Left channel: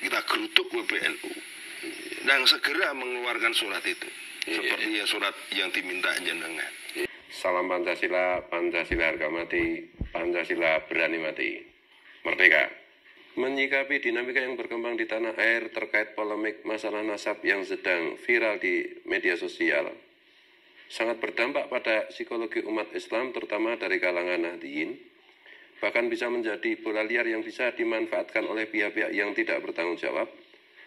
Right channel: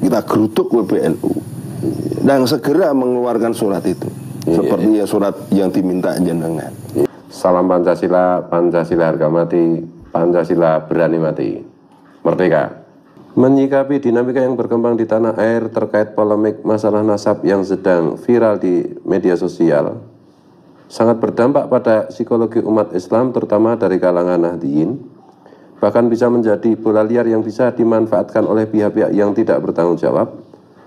Kita gerutuk PBNU dan segera mengeluarkan surat itu, seperti surat yang diminta jenengan. Salam Pancasila, Pancasila harga mati, Pancasila berani mati. Merdeka. Menyikapi dinamika yang berkembang di tanah air terkait polemik masalah nasab yang sedang viral di media sosial, sangat berdampak pada psikologi umat Islam, terutama dari kalangan Nahdliyin, bahkan bisa menjadi bola liar yang bisa dimanfaatkan oleh pihak-pihak yang tidak bertanggung jawab,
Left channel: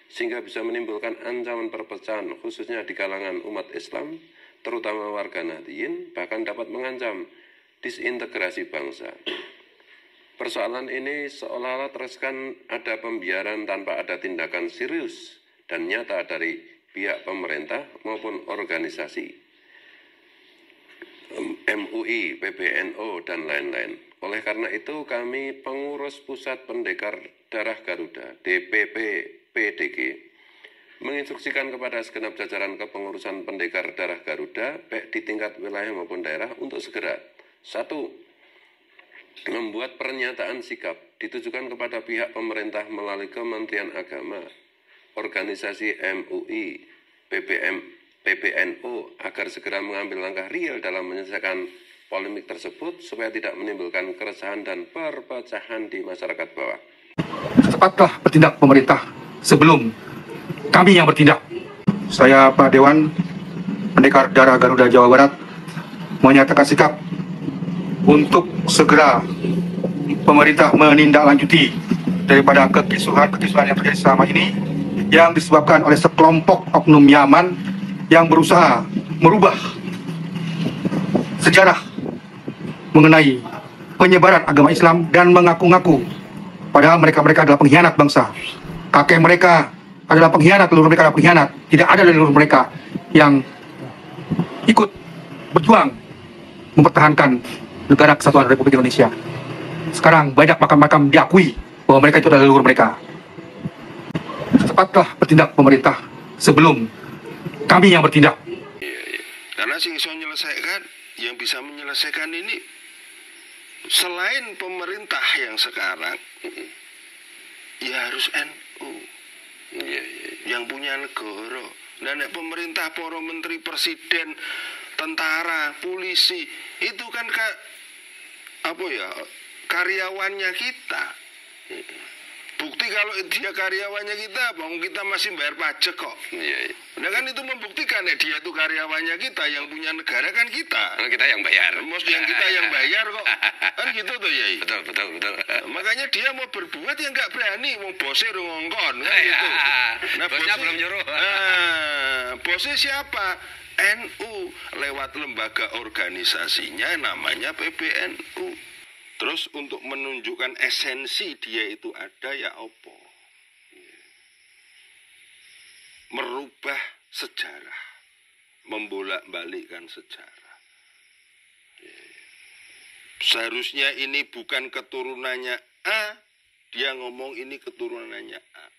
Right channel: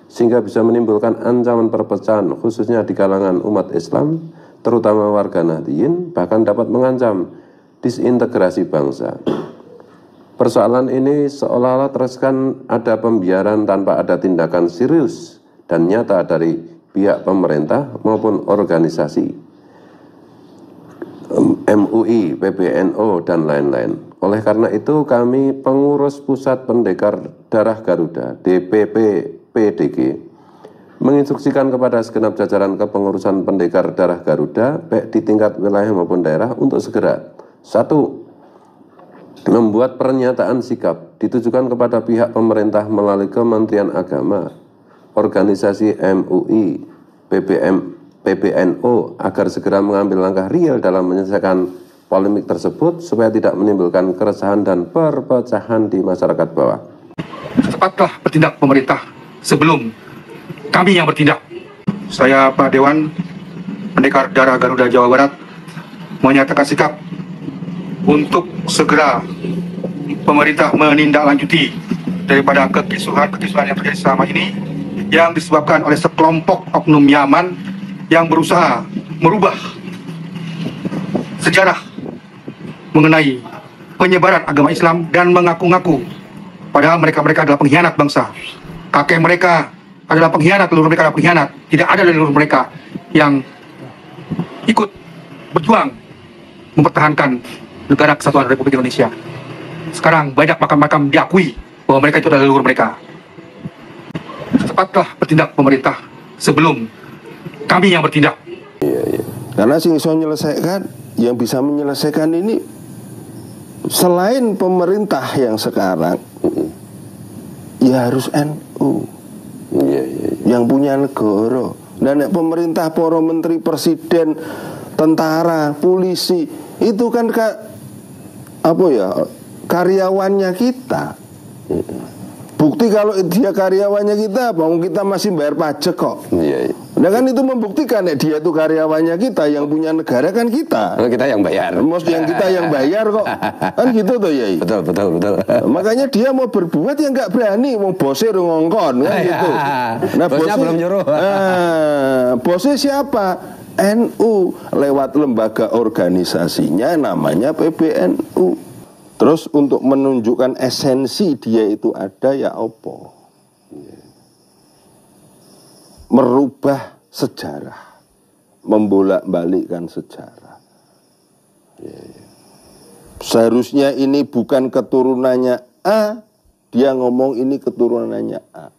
sehingga bisa menimbulkan ancaman perpecahan khususnya di kalangan umat Islam, terutama warga Nahdliyin, bahkan dapat mengancam disintegrasi bangsa. Persoalan ini seolah-olah terkesan ada pembiaran tanpa ada tindakan serius dan nyata dari pihak pemerintah maupun organisasi MUI, PBNU, dan lain-lain. Oleh karena itu kami pengurus Pusat Pendekar Darah Garuda, DPP PDG, menginstruksikan kepada segenap jajaran kepengurusan Pendekar Darah Garuda, baik di tingkat wilayah maupun daerah, untuk segera: 1. Membuat pernyataan sikap ditujukan kepada pihak pemerintah melalui Kementerian Agama, organisasi MUI, PBNU, agar segera mengambil langkah real dalam menyelesaikan polemik tersebut supaya tidak menimbulkan keresahan dan perpecahan di masyarakat bawah. Cepatlah bertindak pemerintah sebelum kami yang bertindak. Saya Pak Dewan, Pendekar Darah Garuda Jawa Barat, menyatakan sikap untuk segera pemerintah menindaklanjuti daripada kekisuhan yang terjadi selama ini, yang disebabkan oleh sekelompok oknum Yaman yang berusaha merubah sejarah mengenai penyebaran agama Islam dan mengaku-ngaku padahal mereka adalah pengkhianat bangsa. Kakek mereka adalah pengkhianat, leluhur mereka adalah pengkhianat. Tidak ada leluhur mereka yang ikut berjuang mempertahankan negara kesatuan Republik Indonesia. Sekarang banyak makam-makam diakui bahwa mereka itu adalah leluhur mereka. Cepatlah bertindak pemerintah sebelum kami yang bertindak. Karena yang bisa menyelesaikan ini selain pemerintah yang sekarang, ya harus NU yang punya negara. Dan pemerintah, para menteri, presiden, tentara, polisi, itu kan karyawannya kita. Bukti kalau dia karyawannya kita, kita masih bayar pajak kok. Nah kan itu membuktikan dia itu karyawannya kita, yang punya negara kan kita. Kita yang bayar. Yang kita yang bayar kok. Kan gitu tuh ya. Betul. Makanya dia mau berbuat ya nggak berani, mau bosnya ngongkon kan gitu. Nah bosnya belum nyuruh. Bosnya siapa? NU, lewat lembaga organisasinya namanya PBNU. Terus untuk menunjukkan esensi dia itu ada, ya opo? Merubah sejarah, membolak-balikkan sejarah. Seharusnya ini bukan keturunannya A, dia ngomong ini keturunannya A.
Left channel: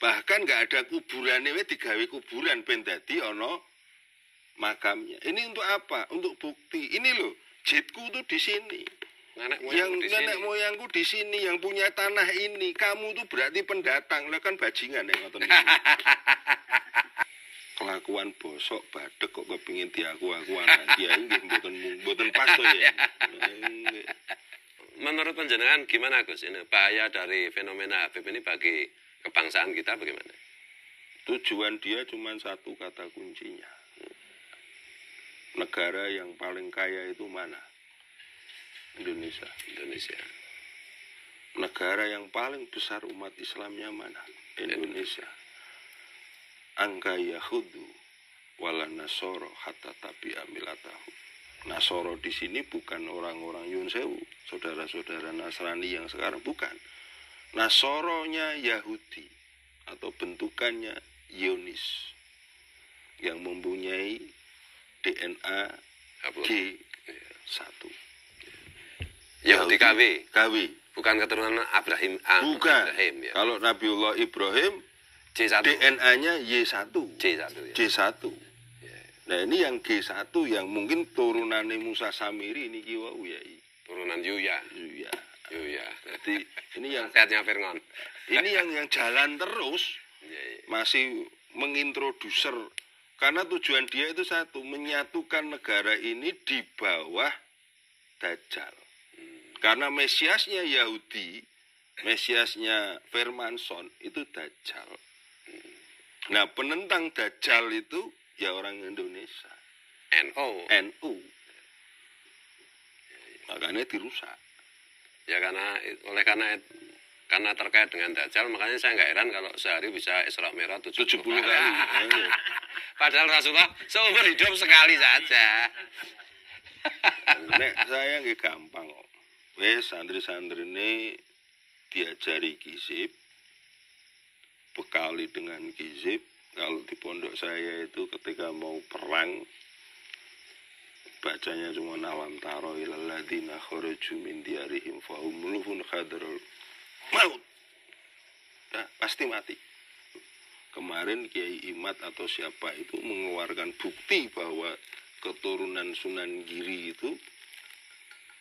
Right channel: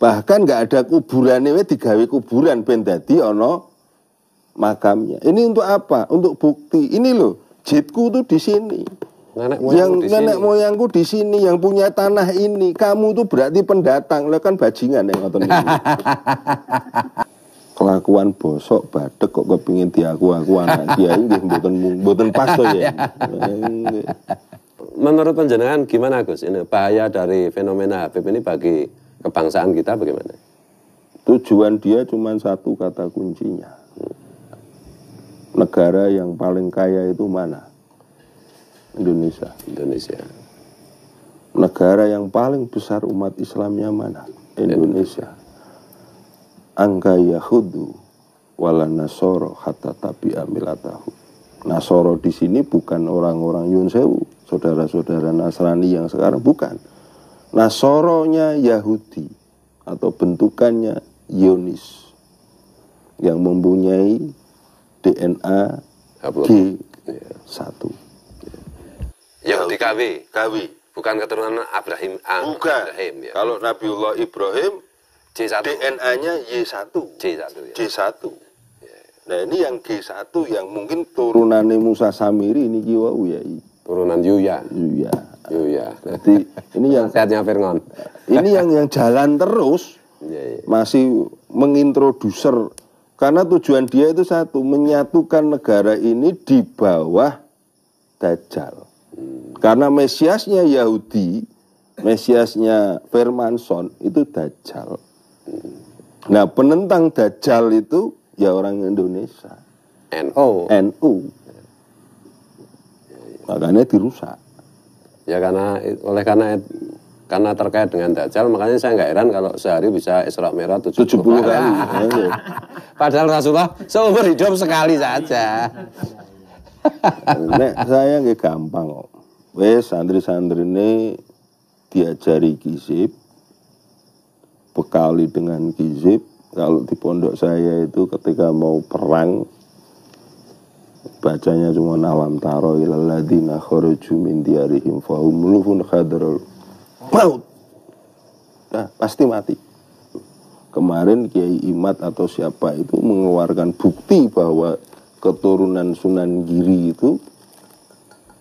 Bahkan nggak ada kuburannya, digawe kuburan ben dadi ono makamnya. Ini untuk apa? Untuk bukti. Ini loh, jitku tuh di sini. Nenek moyangku di sini, yang punya tanah ini. Kamu tuh berarti pendatang. Lo kan bajingan yang ngoten iki. Kelakuan bosok badek kok kepingin diaku-aku anak kiai nggih mboten pas to ya. Menurut panjenengan gimana Gus? Ini bahaya dari fenomena Habib ini bagi kebangsaan kita bagaimana? Tujuan dia cuma satu kata kuncinya. Negara yang paling kaya itu mana? Indonesia. Negara yang paling besar umat Islamnya mana? Indonesia. Angka yahudu wala nasoro hatta tabi'a milatahu. Nasoro di sini bukan orang-orang Yun Sewu, saudara-saudara Nasrani yang sekarang, bukan. Nasoronya Yahudi atau bentukannya Yonis yang mempunyai DNA G1. Yahudi KW. Bukan keturunan Abraham. Bukan. Abraham, ya. Kalau Nabiullah Ibrahim J1. DNA-nya Y1. J1. Nah ini yang G1 yang mungkin turunannya Musa Samiri ini kiwau ya. Turunan Yuya. Yuya. Yuya. Jadi ini yang Sehatnya Firngon. ini yang jalan terus Iya, iya. masih mengintroduser karena tujuan dia itu satu, menyatukan negara ini di bawah Dajjal. Karena Mesiasnya Yahudi, Mesiasnya Firmanson itu Dajjal. Nah, penentang Dajjal itu ya orang Indonesia. NO. NU. Makanya dirusak. Ya karena terkait dengan Dajjal, makanya saya nggak heran kalau sehari bisa Isra Mi'raj 70 kali. Padahal Rasulullah seumur hidup sekali saja. Nek saya nggak gampang kok. Wes santri-santri ini diajari kisip, bekali dengan kisip. Kalau di pondok saya itu ketika mau perang, bacanya cuma alam taro ilal ladzina kharaju min diyarihim fahum mulufun khadarul maut. Nah, pasti mati. Kemarin Kiai Imad atau siapa itu mengeluarkan bukti bahwa keturunan Sunan Giri itu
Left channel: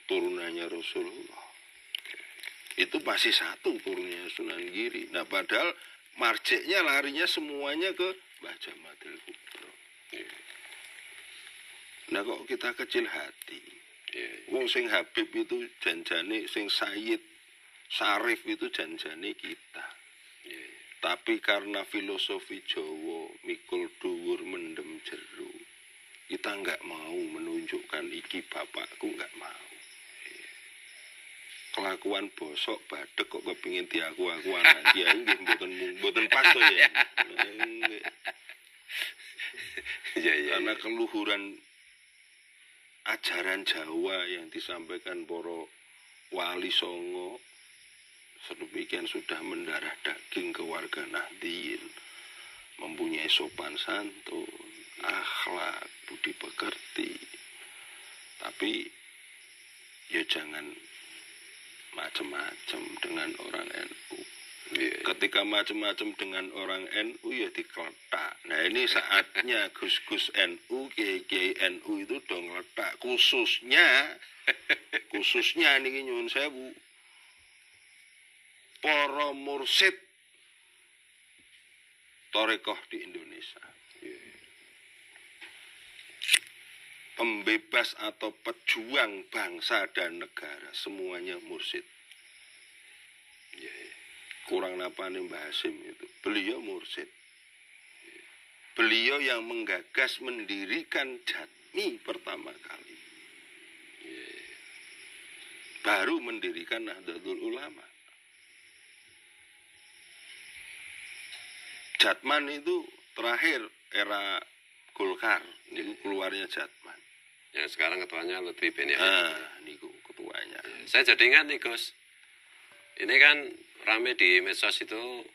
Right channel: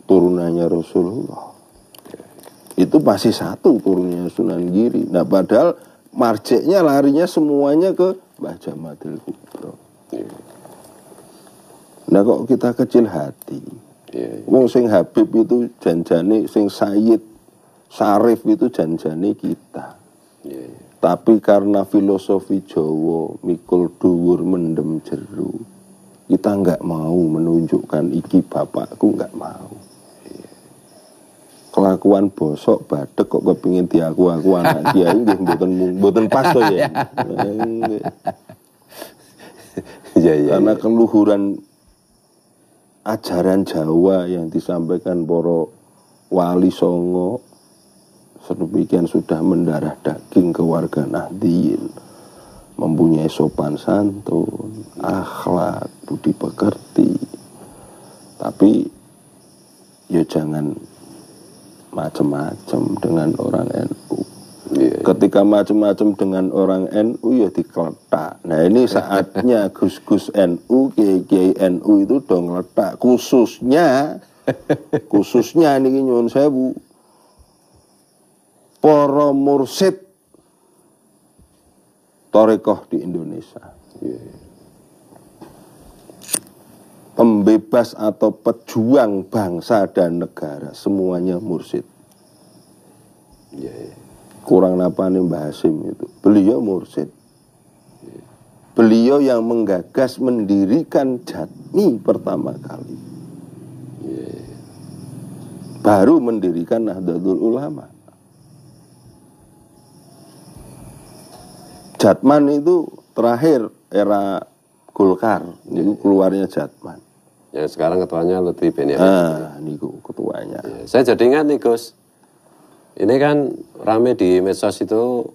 turunannya Rasulullah. Itu masih satu turunannya Sunan Giri. Nah, padahal marjeknya larinya semuanya ke Mbah Jamadil Kubro. Nah, kok kita kecil hati. Wong sing Habib itu janjane, sing Sayyid Sarif itu janjane kita. Tapi karena filosofi Jawa mikul dhuwur mendem jeru, kita nggak mau menunjukkan iki bapakku, nggak mau. Kelakuan bosok badek kok kepingin diaku-aku anak kiai nggih mboten pas to ya. Karena keluhuran ajaran Jawa yang disampaikan para wali songo sedemikian sudah mendarah daging ke warga Nahdien, mempunyai sopan santun, akhlak, budi pekerti. Tapi ya jangan macam-macam dengan orang NU. Ketika macam-macam dengan orang NU ya dikeletak. Nah, ini saatnya gus-gus NU, kiai-kiai NU itu dong letak. Khususnya niki nyuwun sewu, para mursid Thariqah di Indonesia. Pembebas atau pejuang bangsa dan negara, semuanya mursid. Kurang napane Mbah Hasim itu. Beliau mursid. Beliau yang menggagas mendirikan Jatmi pertama kali. Baru mendirikan Nahdlatul Ulama. Jatman itu terakhir era Golkar, ini keluarnya Jatman. Yang sekarang ketuanya Lutfi Ben Yahya. Ah, niku ketuanya. Saya jadi ingat nih Gus, ini kan rame di medsos itu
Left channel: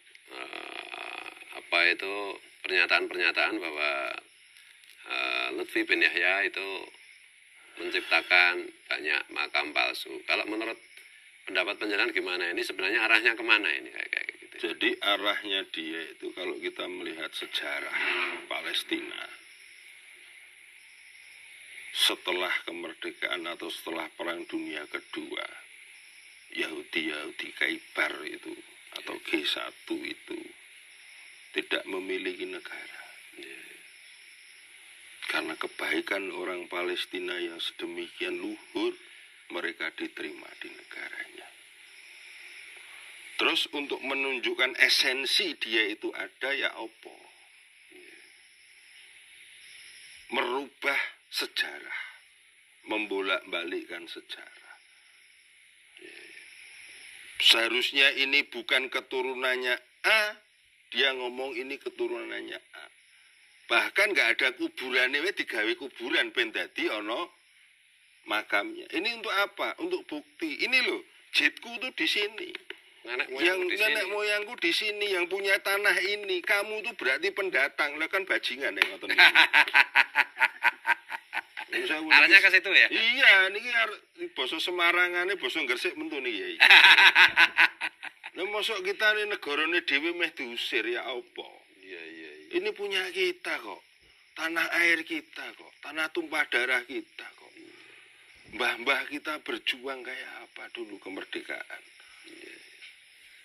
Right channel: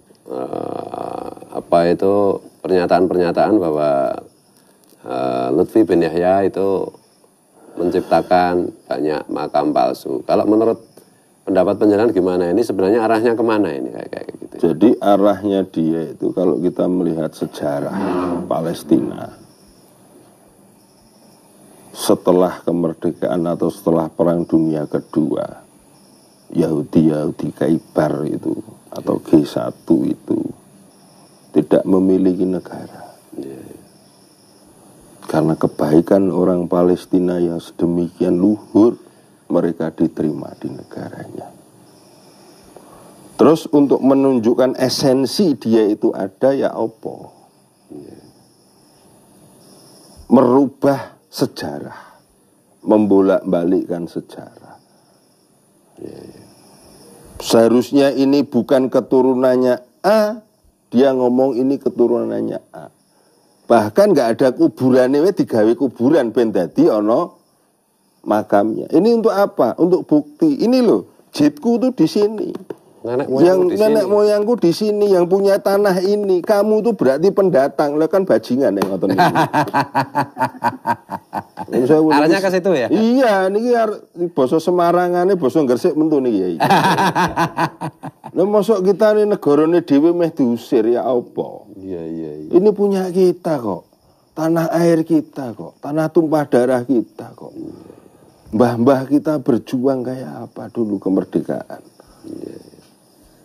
pernyataan-pernyataan bahwa Lutfi Ben Yahya itu menciptakan banyak makam palsu. Kalau menurut pendapat penjelasan gimana ini sebenarnya arahnya kemana ini kayak gitu? Jadi arahnya dia itu kalau kita melihat sejarah Palestina setelah kemerdekaan atau setelah Perang Dunia Kedua, Yahudi Khaybar itu atau G1 itu tidak memiliki negara. Karena kebaikan orang Palestina yang sedemikian luhur, mereka diterima di negaranya. Terus untuk menunjukkan esensi dia itu ada ya apa? Merubah sejarah, membolak-balikkan sejarah. Seharusnya ini bukan keturunannya A, dia ngomong ini keturunannya A. Bahkan nggak ada kuburannya, digawe kuburan ben dadi ono makamnya. Ini untuk apa? Untuk bukti. Ini loh, jitku tuh di sini. Nenek moyangku di sini, yang punya tanah ini. Kamu tuh berarti pendatang, lo kan bajingan yang ngoten niku. Arahnya ke situ ya? Iya, niki basa Semarangane basa Gresik mentu niki ya. Lah mosok kita ini negarane dhewe meh diusir ya apa? Iya. Ini punya kita kok. Tanah air kita kok. Tanah tumpah darah kita kok. mbah-mbah kita berjuang kayak apa dulu kemerdekaan.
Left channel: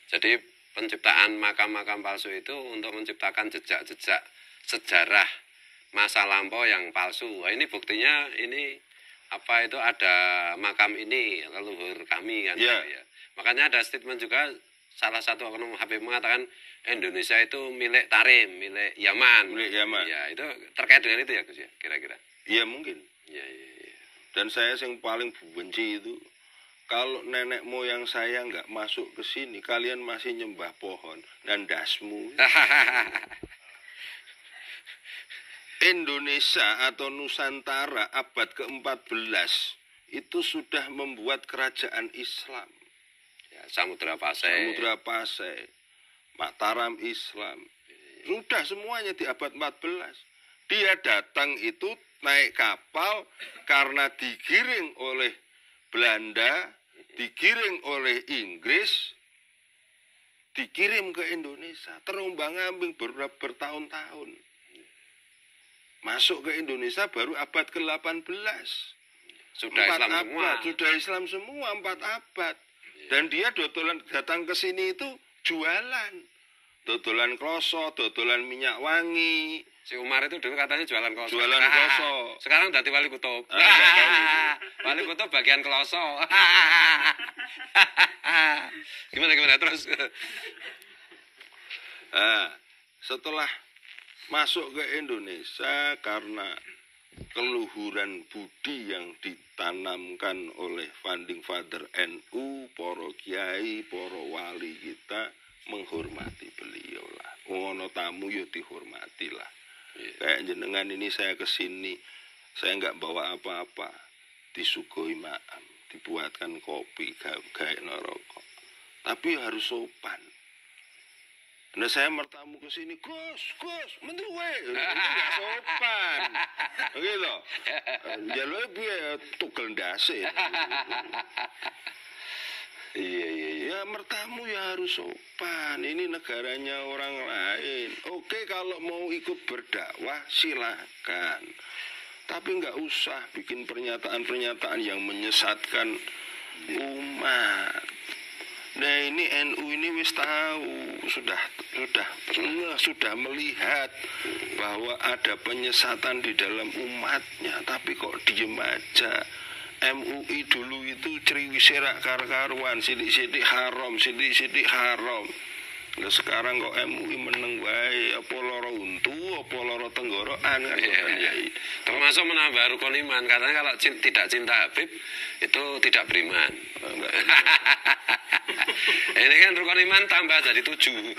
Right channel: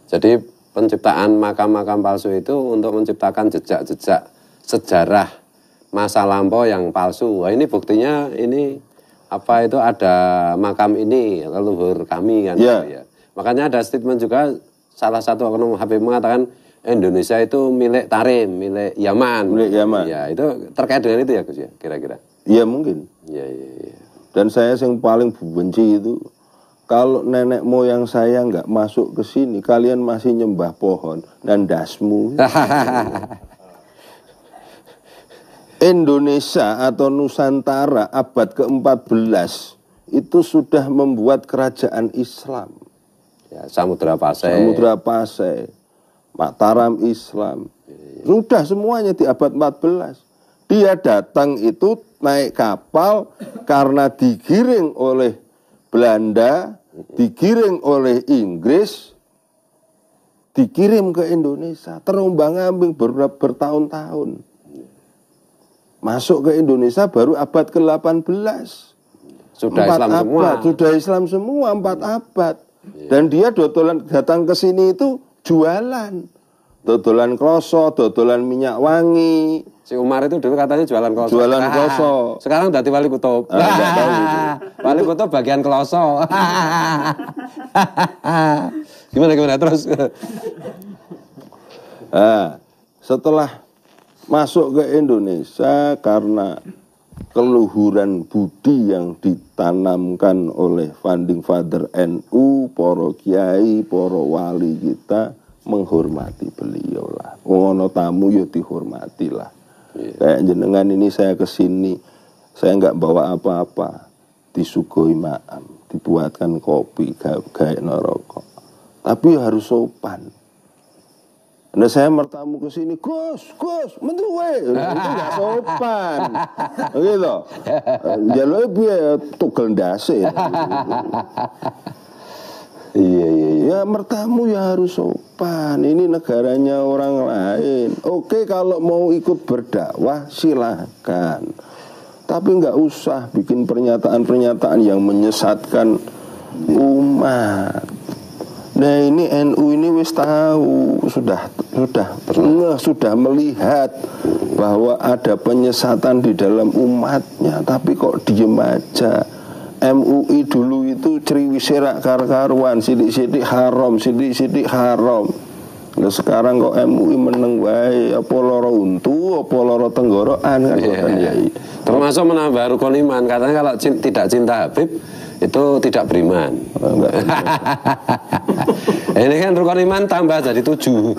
Jadi penciptaan makam-makam palsu itu untuk menciptakan jejak-jejak sejarah masa lampau yang palsu. Wah, ini buktinya ini apa itu ada makam ini leluhur kami kan. Ya. Ya. Makanya ada statement juga salah satu oknum Habib mengatakan Indonesia itu milik Tarim, milik Yaman. Milik Yaman. Ya, itu terkait dengan itu ya Gus ya, kira-kira. Iya mungkin. Iya, iya, iya. Dan saya yang paling benci itu, kalau nenek moyang saya nggak masuk ke sini, kalian masih nyembah pohon dan dasmu. Indonesia atau Nusantara abad ke-14 itu sudah membuat kerajaan Islam. Ya, Samudra Pasai. Samudra Pasai, Mataram Islam. Sudah semuanya di abad 14. Dia datang itu naik kapal karena digiring oleh Belanda, digiring oleh Inggris, dikirim ke Indonesia, terombang-ambing bertahun-tahun. Masuk ke Indonesia baru abad ke-18. Sudah 4 Islam abad, semua. sudah Islam semua 4 abad. Dan dia datang ke sini itu jualan. Dodolan kloso, dodolan minyak wangi. Si Umar itu dulu katanya jualan kloso. Jualan kloso. Sekarang udah wali kutub. Enggak tahu itu. Wali kutub bagian kloso. Gimana terus? Nah, setelah masuk ke Indonesia karena keluhuran budi yang ditanamkan oleh founding father NU, para kiai, para wali kita menghormati beliau lah. Ngono tamu ya dihormati lah. Kayak jenengan ini saya kesini, saya nggak bawa apa-apa, disuguhi maam, dibuatkan kopi, gawe rokok. Tapi harus sopan. Nah saya mertamu ke sini, Gus, menduwe, itu nggak sopan, gitu. Jalur biar tugel ndase. Iya. Ya mertamu ya harus sopan. Ini negaranya orang lain. Oke kalau mau ikut berdakwah silakan. Tapi nggak usah bikin pernyataan-pernyataan yang menyesatkan umat. Nah ini NU ini wis tahu sudah melihat bahwa ada penyesatan di dalam umatnya, tapi kok diem aja. MUI dulu itu ceriwiserak kar-karuan, sidik-sidik haram, sidik-sidik haram. Nah sekarang kok MUI meneng wae, apa loro untu, apa loro tenggorokan kan. Termasuk menambah rukun iman, katanya kalau tidak cinta Habib itu tidak beriman. Ini kan rukun iman tambah jadi 7.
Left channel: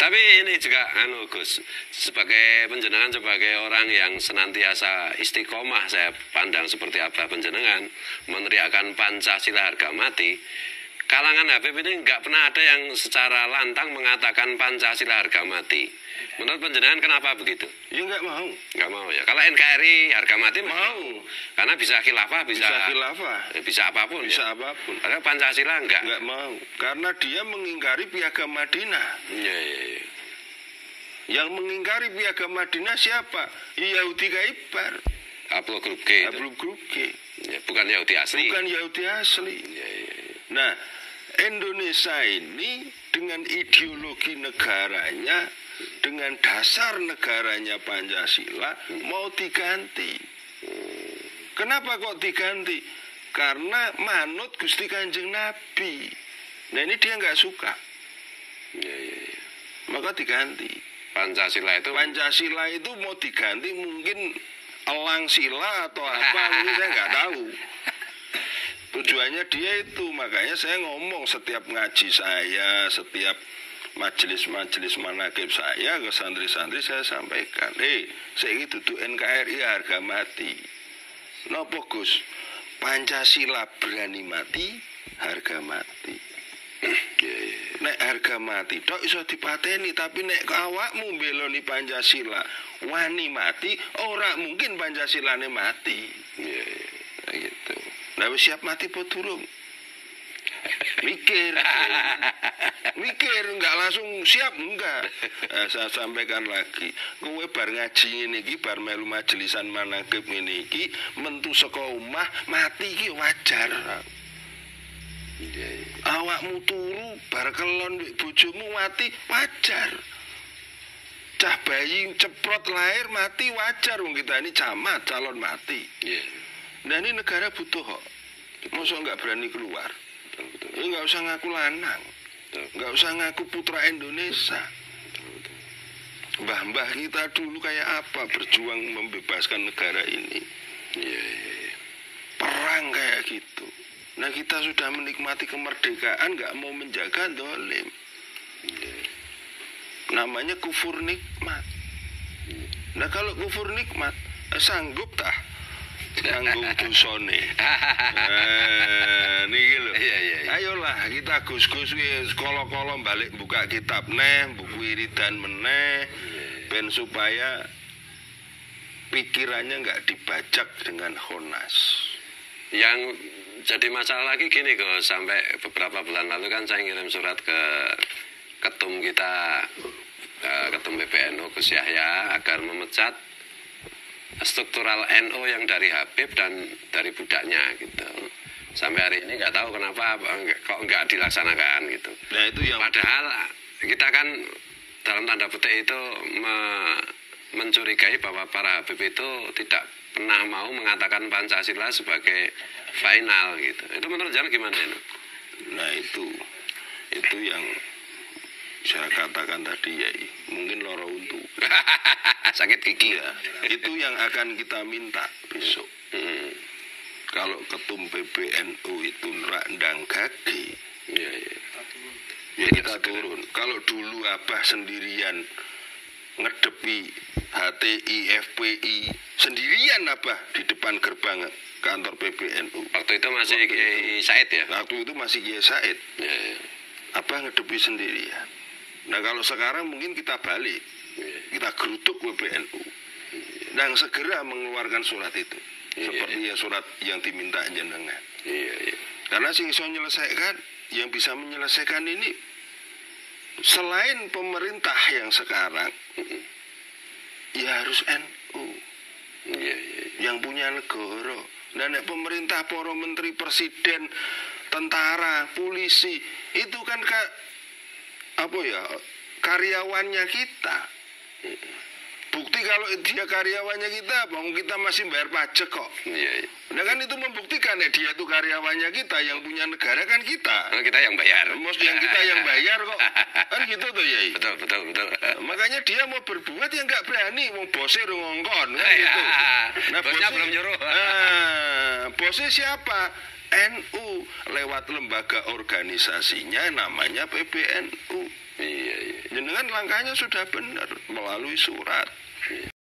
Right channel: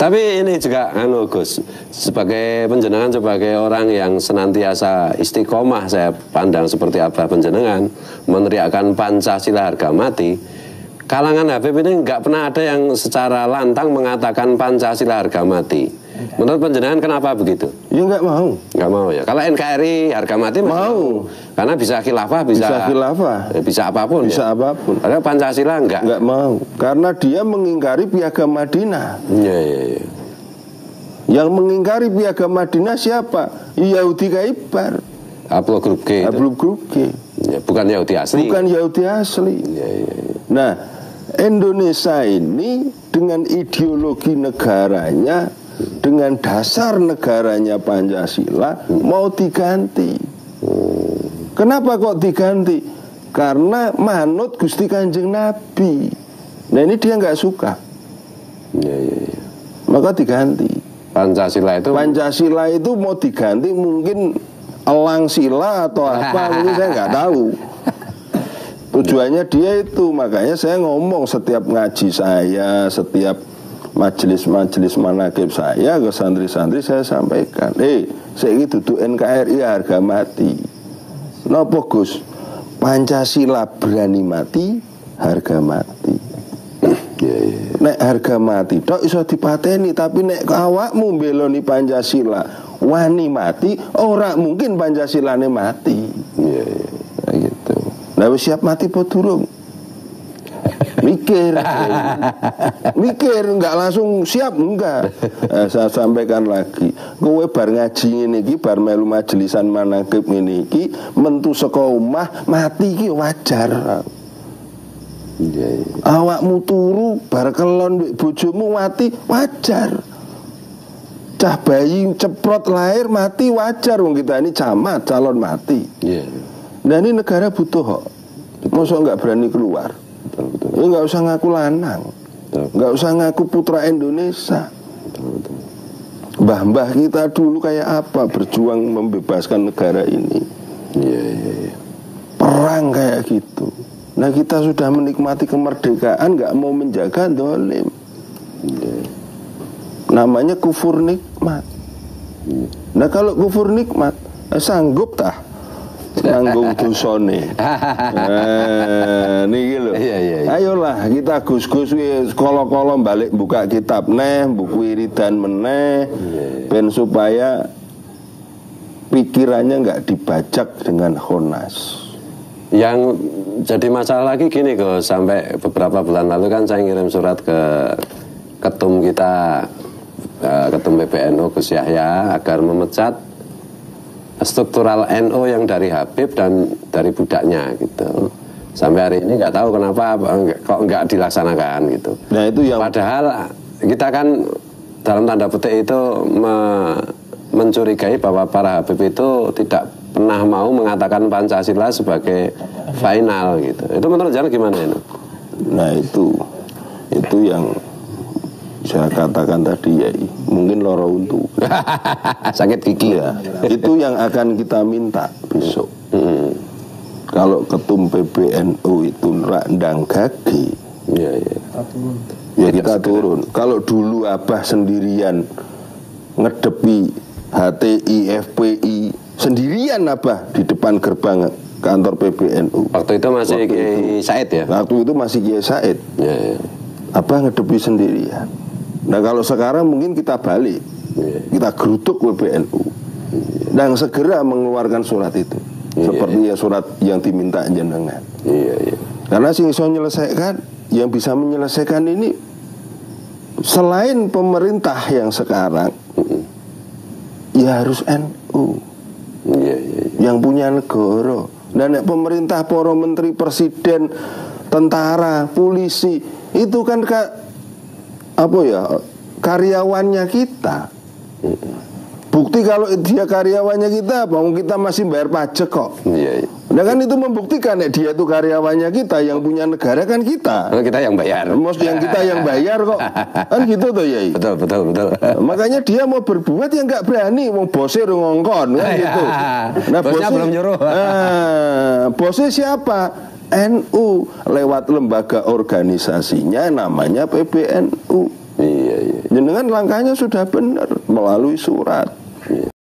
Tapi ini juga Gus, sebagai penjenengan, sebagai orang yang senantiasa istiqomah, saya pandang seperti apa penjenengan meneriakkan Pancasila harga mati. Kalangan Habib ini nggak pernah ada yang secara lantang mengatakan Pancasila harga mati. Menurut penjenengan kenapa begitu? Ya nggak mau. Nggak mau ya. Kalau NKRI harga mati mau. Karena bisa khilafah, bisa apapun. Bisa ya? apapun. Padahal Pancasila nggak mau. Karena dia mengingkari Piagam Madinah. Iya. Yang mengingkari Piagam Madinah siapa? Yahudi Kaibar. Ablo grup G. Ablo grup G. Ya, bukan Yahudi asli. Bukan Yahudi asli. Iya. Nah, Indonesia ini dengan ideologi negaranya, dengan dasar negaranya Pancasila mau diganti. Kenapa kok diganti? Karena manut Gusti Kanjeng Nabi. Nah ini dia nggak suka. Iya. Maka diganti. Pancasila itu mau diganti mungkin elang sila atau apa, mungkin saya nggak tahu. Tujuannya dia itu, makanya saya ngomong setiap ngaji saya, setiap majelis-majelis manaqib saya ke santri-santri saya sampaikan, saya ini duduk NKRI harga mati. Napa Gus? Pancasila berani mati, harga mati. Nek harga mati tok iso dipateni, tapi nek awakmu mbeloni Pancasila wani mati, ora mungkin Pancasilane mati. Gitu. Nah wis siap mati apa durung? Mikir, mikir, nggak langsung siap, enggak. Saya sampaikan lagi, kowe bar ngaji ngene iki, bar melu majelisan manaqib ngene iki, mentu saka omah mati iki wajar. Awakmu turu bar kelon mbek bojomu mati wajar. Cah bayi ceprot lahir mati wajar, wong kita ini camat calon mati. Nah ini negara butuh kok. Masa nggak berani keluar? Ya nggak usah ngaku lanang, nggak usah ngaku putra Indonesia. Mbah-mbah kita dulu kayak apa berjuang membebaskan negara ini. Perang kayak gitu. Nah kita sudah menikmati kemerdekaan, nggak mau menjaga dolim. Namanya kufur nikmat. Nah kalau kufur nikmat, sanggup tah nanggung dosane. Niki lho. Ayolah kita gus-gus kolo-kolo balik buka kitab buku wiridan meneh, ben supaya pikirannya nggak dibajak dengan khonas. Yang jadi masalah lagi gini kok, sampai beberapa bulan lalu kan saya ngirim surat ke ketum kita, ketum PBNU Gus Yahya, agar memecat struktural NU yang dari Habib dan dari budaknya gitu. Sampai hari ini nggak tahu kenapa kok nggak dilaksanakan gitu. Nah itu yang padahal kita kan dalam tanda petik itu mencurigai bahwa para Habib itu tidak pernah mau mengatakan Pancasila sebagai final gitu. Itu menurut Jan gimana ini? Nah itu yang saya katakan tadi ya, mungkin loro untu. Sakit gigi ya. Itu yang akan kita minta besok. Kalau ketum PBNU itu ndang gagi, ya kita turun. Kalau dulu Abah sendirian ngedepi HTI, FPI sendirian Abah di depan gerbang kantor PBNU. Waktu itu masih Kiai Said ya? Waktu itu masih Kiai Said. Abah ngedepi sendirian. Nah kalau sekarang mungkin kita balik, kita gerutuk PBNU dan segera mengeluarkan surat itu, seperti ya surat yang diminta jenengan. Karena sing iso menyelesaikan, yang bisa menyelesaikan ini selain pemerintah yang sekarang, ya harus NU yang punya negara. Dan pemerintah, para menteri, presiden, tentara, polisi itu kan karyawannya kita. Bukti kalau dia karyawannya kita, kita masih bayar pajak kok. Nah kan itu membuktikan dia itu karyawannya kita, yang punya negara kan kita. Kita yang bayar. Yang kita yang bayar kok. Kan gitu tuh Yai. Betul. Makanya dia mau berbuat yang nggak berani, mau bosnya ngongkon kan gitu. Nah bosnya belum nyuruh. Bosnya siapa? NU lewat lembaga organisasinya namanya PBNU. Jenengan langkahnya sudah benar melalui surat.